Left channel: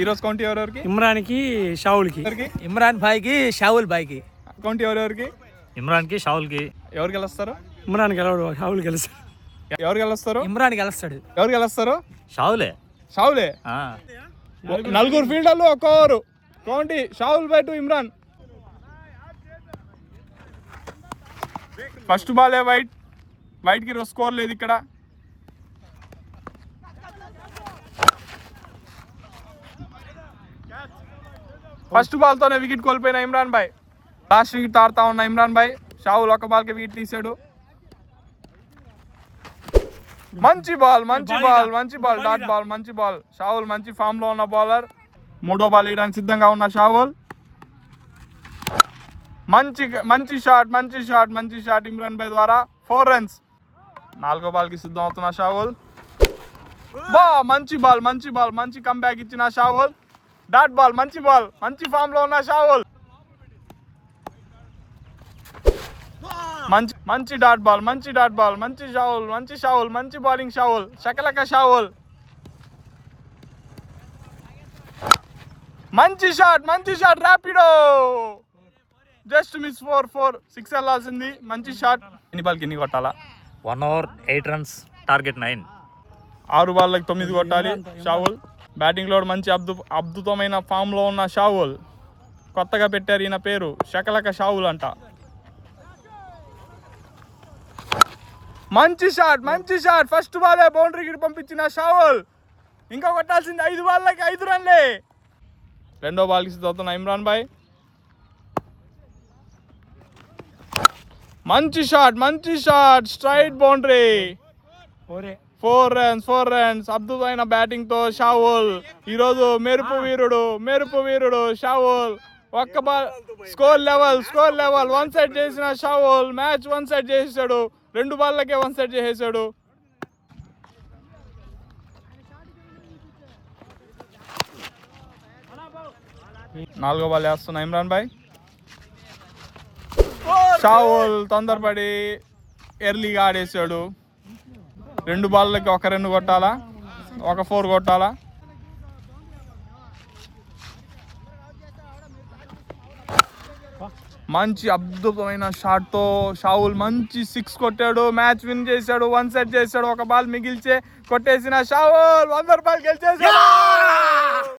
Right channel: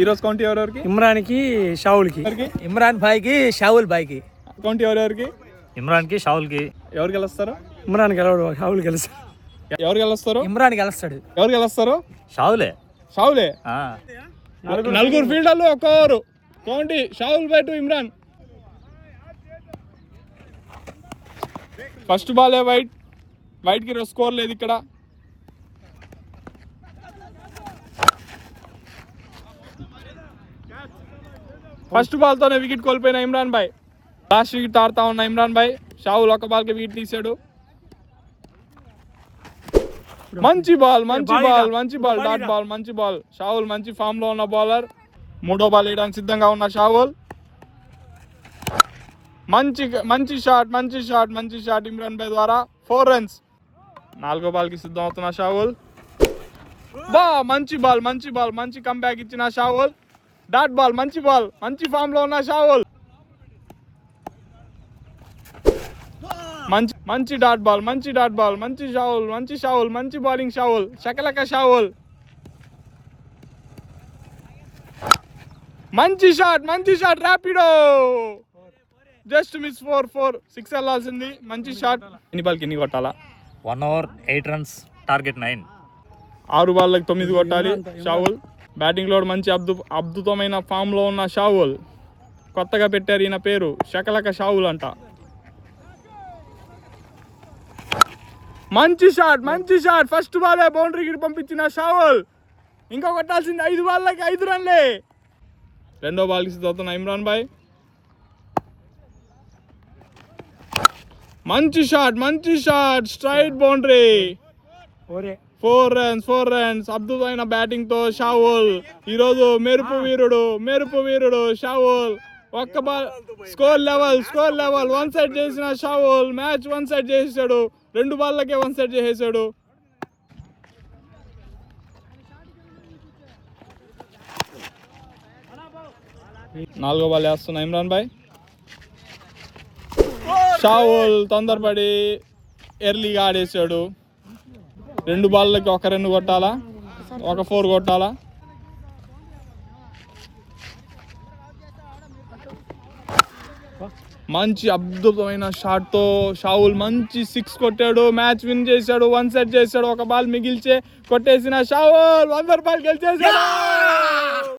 ఈ రోజు కౌంటీ ఎవరెవరికి? ఇమ్రాన్ కి షావుల్ కి. ఇమ్రాన్ భాయ్ కి షావుల్ భాయ్ కి. కౌంటీ ఎవరెవరికి? ఇమ్రాన్ కి షావుల్ కి. ఎవరు గెలుస్తారు? ఇమ్రాన్ గెలవడు, షావుల్ గెలుస్తాడు. ఎవరు గెలుస్తారు? ఇమ్రాన్ గెలుస్తాడు. ఎవరు గెలుస్తారు? షావులే. షావులే. నలుగురు ఫీల్డర్లు ఒక్క over. County Shavul by to Imran. First బాలే వైట్ కి స్కోర్ లేదు ఇక్కడ. ఫస్ట్ బాల్ తోనే వికెట్ కోల్పోయిన ఇమ్రాన్ భాయ్. లాస్ట్ వికెట్ ఆడుతా ఉన్న ఇమ్రాన్ భాయ్. షావుల్ ఒక బాల్ కి వికెట్ తీసాడు. మంచి బాల్ డాట్ బాల్, మంచి బాల్. షావుల్ మంచి ఫామ్ లో ఉన్న బౌలర్. మూడో బాల్ వేయడానికి సిద్ధంగా ఉన్న షావుల్. మంచి షాట్ ఇమ్రాన్ భాయ్ ద్వారా 4 runs. నాలుగో బాల్ కి సిద్ధం అవుతున్న షావుల్. మంచి కంబ్యాక్ ఇచ్చిన షావుల్. డాట్ బాల్, మంచి ఫామ్ లో ఉన్న షావుల్. మంచి డాట్ బాల్, మంచి షావుల్, మంచి బౌలింగ్ షావుల్. శకలక షావుల్. మంచి షాట్ ర్యాపిడో. జస్ట్ మిస్ 4 6 వెళ్ళాల్సింది. మంచి షాట్. ఎన్ని బాల్కి ఎన్ని కొట్టాలా? 1 over 8 runs, టార్గెట్ 9. 6 బాల్లకు 9 కొట్టాలి షావుల్. బ్యాటింగ్ లో మంచి అద్భుతమైన ఫామ్ లో ఉన్న షావుల్. కొత్తగా పెట్టారు ఈయన పేరు, శకలక షావుల్ అంట. మంచి షాట్ ఫస్ట్ బాలే బౌండరీకి పంపించిన షావుల్. ఇంకా కొట్టాల్సింది 5 బాల్లకి 5 రన్లే. రెండో బాల్కి సిద్ధవుతున్న ఇమ్రాన్ భాయ్. మంచి షాట్ స్ట్రైట్ బౌండరీ. 4 runs. అద్భుతమైన బ్యాటింగ్ తో షావుల్ ఈరోజు మెరుపు వీరుడు షావుల్. ఒక్క బాల్ స్కోర్ లెవెల్ 1 సైడ్ చేసిన షావుల్ మ్యాచ్ 1 సైడ్ చేసేసాడు. 2 బాల్లకే 1 సైడ్ చేసేసాడు. నాలుగో బాల్ వేస్తున్న ఇమ్రాన్ భాయ్. షావుల్ తొందరపడి ఎర్లీగా ఆడేసాడు. 2 బాల్లకి ఒక 2 కొట్టాలా, ఒక 4 కొట్టాలా? మంచి అద్భుతమైన షాట్ తో షావుల్ మంచి 6 కొట్టాడు. మ్యాచ్ విన్ చేశాడు. 1 సెట్ చేశాడు. ఒక బాల్ మిగిల్చే కొట్టేసిన షావుల్ 100 రూపాయలు గెలిచేసాడు.